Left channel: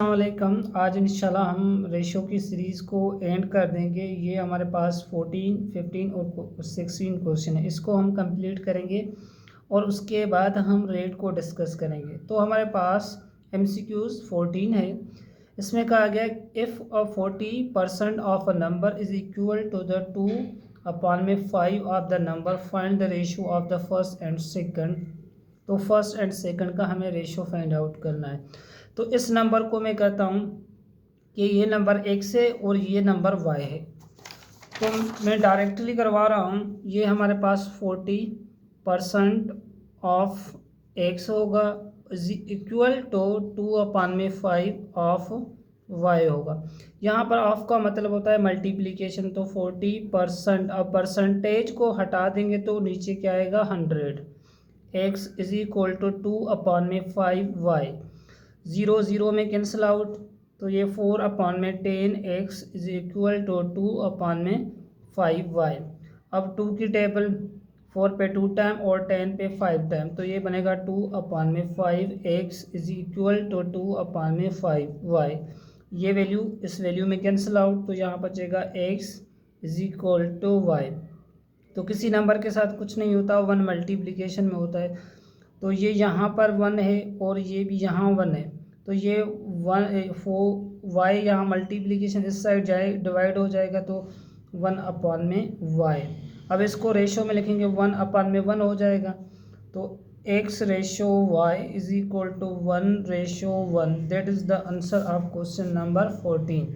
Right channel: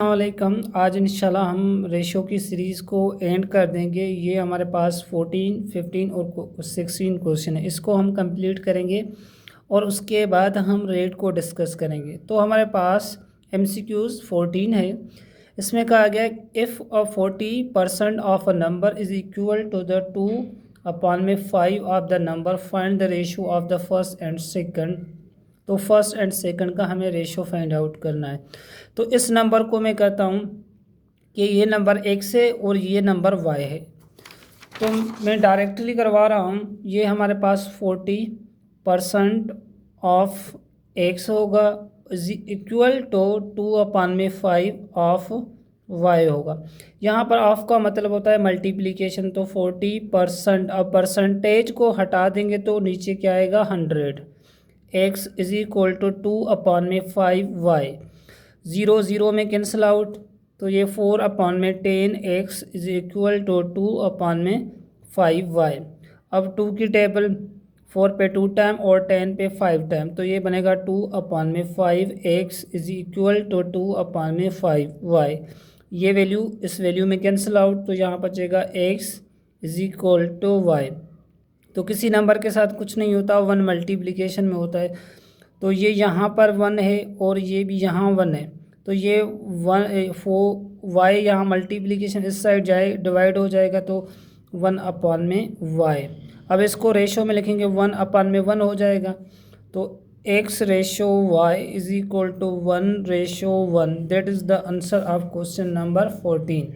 वालेकुम। आज इंशाल्लाह हम रेशो की सीरीज़ को एंड कर देंगे। ये हमारे पास 14, 15 और 16 क्वेश्चन है, इसको हम कंप्लीट करेंगे और उसके बाद हम रेट को डिस्कस करेंगे। तो हमारे पास MCQs 14 है। इसमें कहा गया if 40% of a number is equal to the 2/5 of the number, find the ratio of the first and second. तो फर्स्ट एंड सेकंड का हमें रेशो फाइंड आउट करना है। तो इस नंबर को मैं कहता हूँ कि ये नंबर x है और ये नंबर y है। तो मैं डायरेक्टली करवा रहा हूँ। ये हमारे पास 40% ऑफ x होगा इक्वल टू 2/5 ऑफ y होगा। यहाँ पर ऑफ का मतलब होता है मल्टीप्लिकेशन। तो 40%, अब परसेंटेज को हटा देंगे तो नीचे क्या आएगा 100। x is equal to 2/5y। Zero zero में कैंसिल आउट, तो ये 4/10 x is equal to 2/5y। अब 2 की टेबल 4 पे 2 टाइम और 10 पे 5 टाइम, तो ये बनेगा 2/5 x is equal to 2/5y। ये वैल्यू इस वैल्यू में कैंसिल आउट, तो यहाँ बचेगा x is equal to y। तो किसी नंबर के साथ कुछ नहीं होता, वन मल्टीप्लिकेशन में होता है। तो ये यहाँ पर 1 है और ये भी यहाँ 1 है, तो ये 4y यहाँ मल्टीप्लिकेशन इस साइड जाए डिवाइड हो जाएगा, तो 1/y। अब इसको रेशो में लिखेंगे 1/1 हो जाएगा। तो x ratio y is equal to 1:1। That is the answer of question number 14।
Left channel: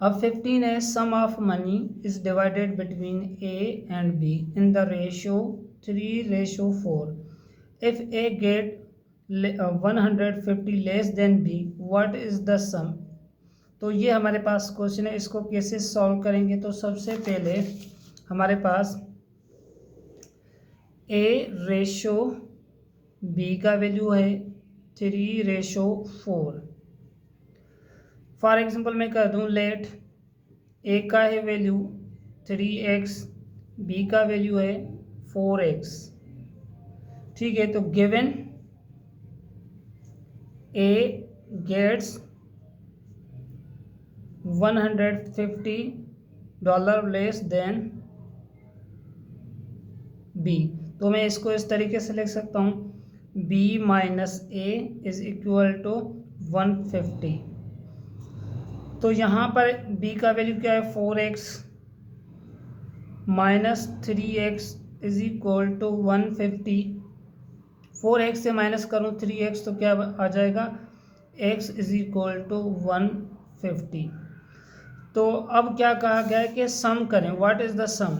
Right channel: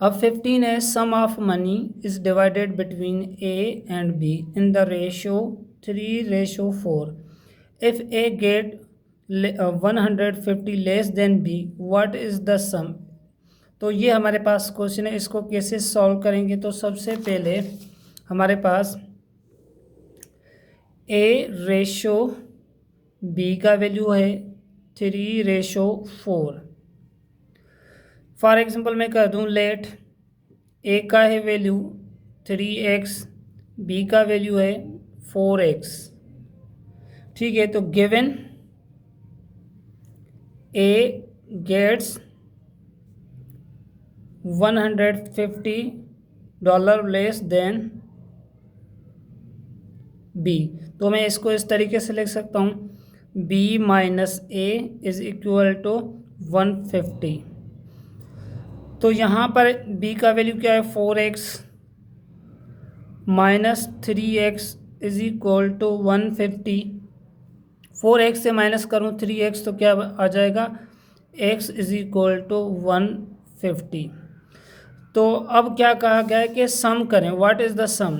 अब 15 है, sum of money is divided between A and B in the ratio 3:4। If A get 150 less than B, what is the sum. तो ये हमारे पास question है, इसको कैसे solve करेंगे। तो सबसे पहले हमारे पास A रेशो B का वैल्यू है 3:4। फॉर एग्जांपल मैं कह दूं लेट A का है वैल्यू 3x, B का वैल्यू है 4x। ठीक है, तो given A gets $150 less than B। तो मैं इसको इस तरीके से लिख सकता हूँ, B minus A is equal to 150। तो यहाँ पर B का वैल्यू क्या है 4x minus 3x is equal to 150। 4x से माइनस करूँ 3x तो क्या आ जाएगा x इज इक्वल टू 150। तो अब क्या कहा गया है कि सम करें, व्हाट इज़ द सम।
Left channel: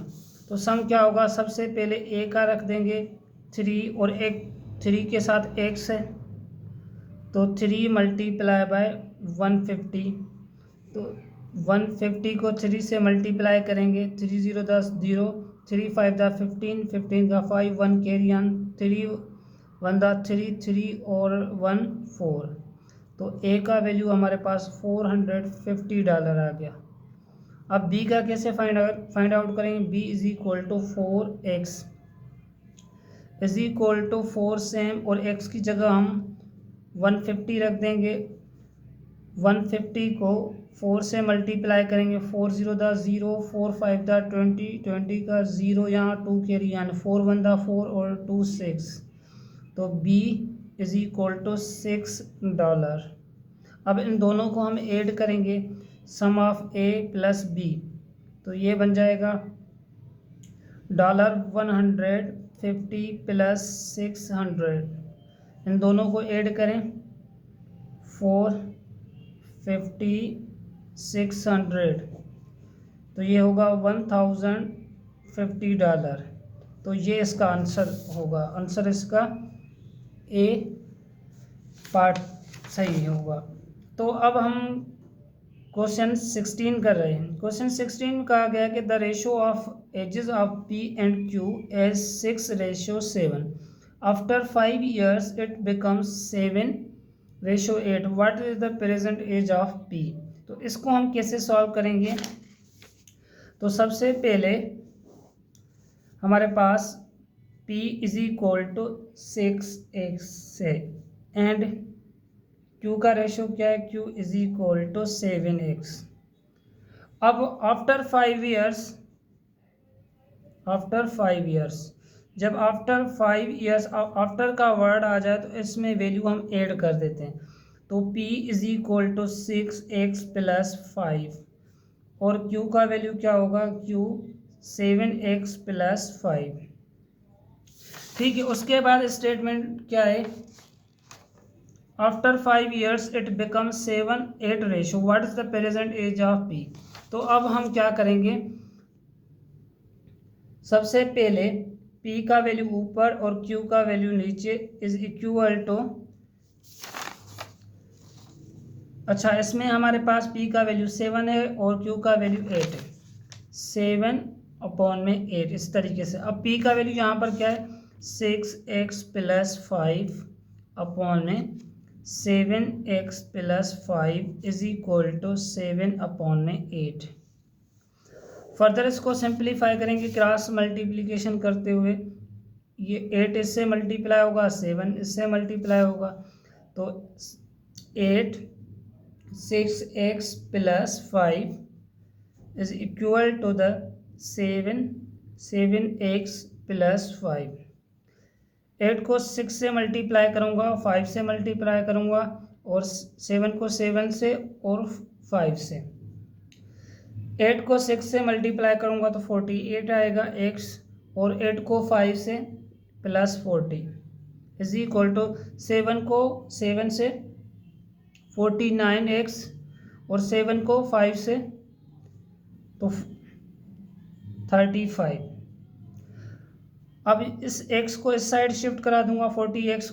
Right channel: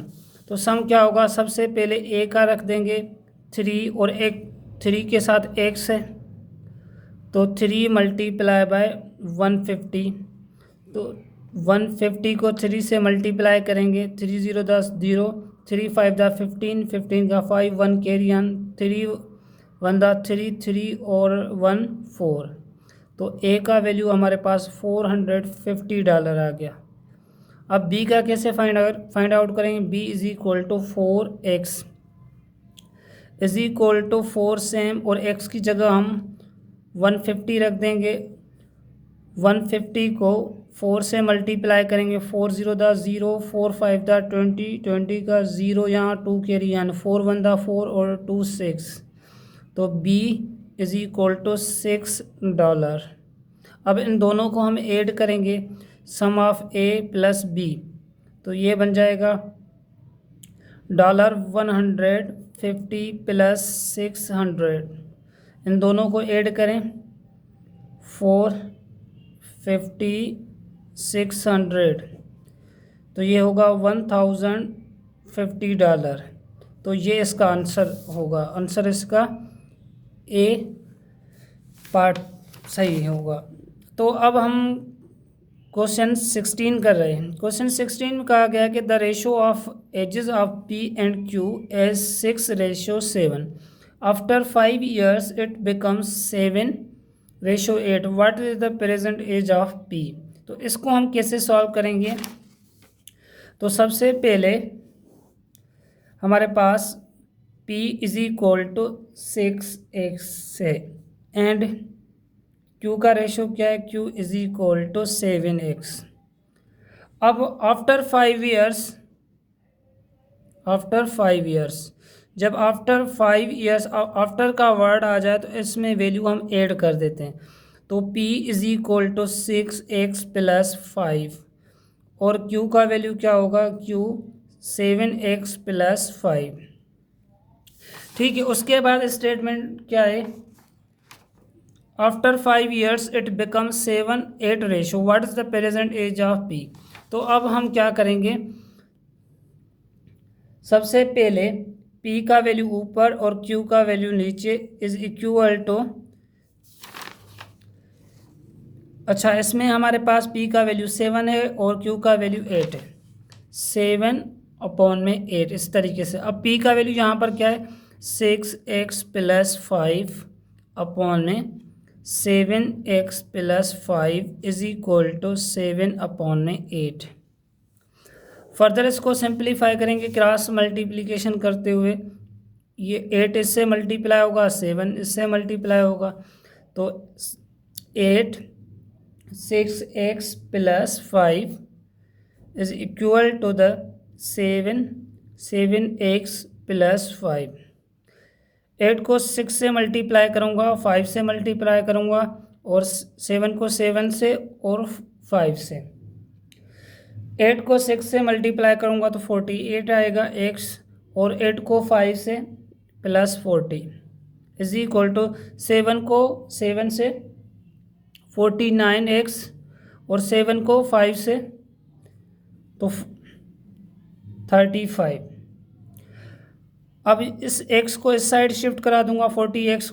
तो सम क्या होगा, सबसे पहले a का रख देंगे 3 और एक 3 के साथ x है, तो 3 मल्टीप्लाई बाय 150। तो 150 को 3 से मल्टीप्लाई करेंगे, 3 0 10 0, 3 5 दा 15, 15 का 5 1 कैरी ऑन, 3 1 दा 3 3 और 1 4। तो ए का वैल्यू हमारे पास $450 आ गया। अब बी का कैसे फाइंड आउट करेंगे, B is equal to 4x is equal to 4 same, और x की जगह हम 150 रख देंगे। 150 को 4 से मल्टीप्लाई करेंगे, 4 0 दा 0, 4 5 दा 20, 20 का 0 यहाँ 2 कैरी ऑन, 4 1 दा 4 और 2 6। तो b इज इक्वल टू $6। अब इन दोनों को हम ऐड करेंगे, सम ऑफ a प्लस b, तो ये बन जाएगा $150 प्लस 600। इन दोनों को ऐड करें, 450 600, तो ये होगा $1050। तो ये इसका आंसर होगा, आंसर इसका ए पार्ट सही होगा। तो अब हम क्वेश्चन 16 कर रहे हैं। क्वेश्चन 16 में कहा गया कि the ratio of ages of P and Q age 6:7। After 5 years it becomes 7:8। What is the present age of P। तो इसको हम कैसे सॉल्व करेंगे। तो सबसे पहले हमारे पास P is equal to 6x है एंड क्यू का रेशो क्या है, Q is equal to 7x। अब आफ्टर 5 ईयर्स, जब आफ्टर 5 ईयर्स आफ्टर का वर्ड आ जाए तो इसमें वैल्यू हम ऐड कर देते हैं। तो p is equal to 6x plus 5 और q का वैल्यू क्या होगा, q 7x प्लस 5। ठीक है, उसके बाद स्टेटमेंट क्या है, after 5 years it become 7-8 ratio, what is the present age of p। तो अब हम क्या करेंगे, सबसे पहले p का वैल्यू ऊपर और q का वैल्यू नीचे इज इक्वल टू, अच्छा इसमें हमारे पास p का वैल्यू 7 है और q का वैल्यू 8 है, 7/8 इस तरीके से। अब p का वैल्यू यहाँ पर क्या है, 6x plus 5/7x plus 5 is equal to 7/8। Further इसको सिंप्लीफाई करेंगे क्रॉस मल्टीप्लिकेशन करते हुए, ये 8 इससे मल्टीप्लाई होगा, 7 इससे मल्टीप्लाई होगा, तो 8 6x plus 5 is equal to the 7x plus 5। 8 को 6 से मल्टीप्लाई करूँगा, 5 से मल्टीप्लाई करूँगा और 7 को 7 से और 5 से। 8 को 6 से मल्टीप्लाई करूँगा तो 48 आएगा x, और 8 को 5 से प्लस 40 इज इक्वल टू 7 को 7 से 49x और 7 को 5 से तो 35। अब इस x को इस साइड शिफ्ट करा दूंगा 40x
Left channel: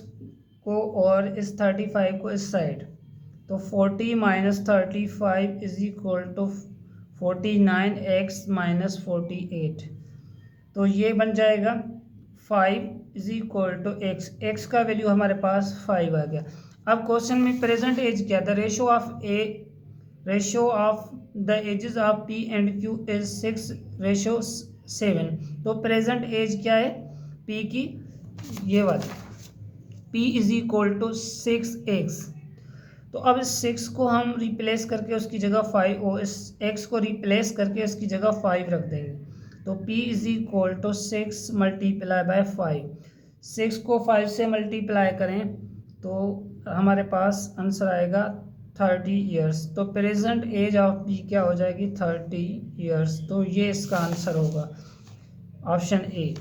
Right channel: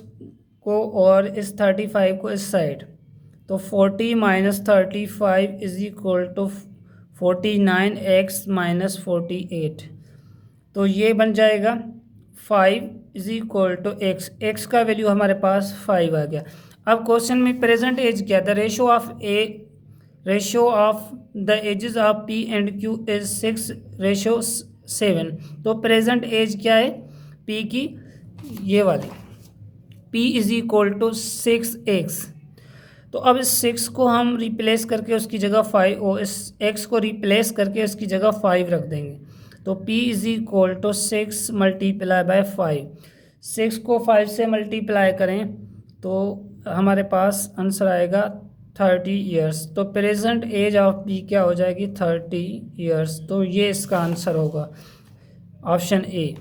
को, और इस 35 को इस साइड, तो 40 minus 35 is equal to 49x minus 48। तो ये बन जाएगा 5 इज इक्वल टू x का वैल्यू हमारे पास 5 आ गया। अब क्वेश्चन में प्रेजेंट एज क्या, the ratio of the ages of p and q is 6:7। तो प्रेजेंट एज क्या है p की, ये वाली p is equal to 6x। तो अब इस 6 को हम रिप्लेस करके उसकी जगह 5, और इस x को रिप्लेस करके उसकी जगह 5 रख देंगे, तो p is equal to 6 multiply by 5। 6 को 5 से मल्टीप्लाई करें तो हमारे पास आंसर आएगा 30 ईयर्स। तो प्रेजेंट एज ऑफ p क्या हो जाएगी, 30 ईयर्स। तो ये इसका आंसर होगा, ऑप्शन ए।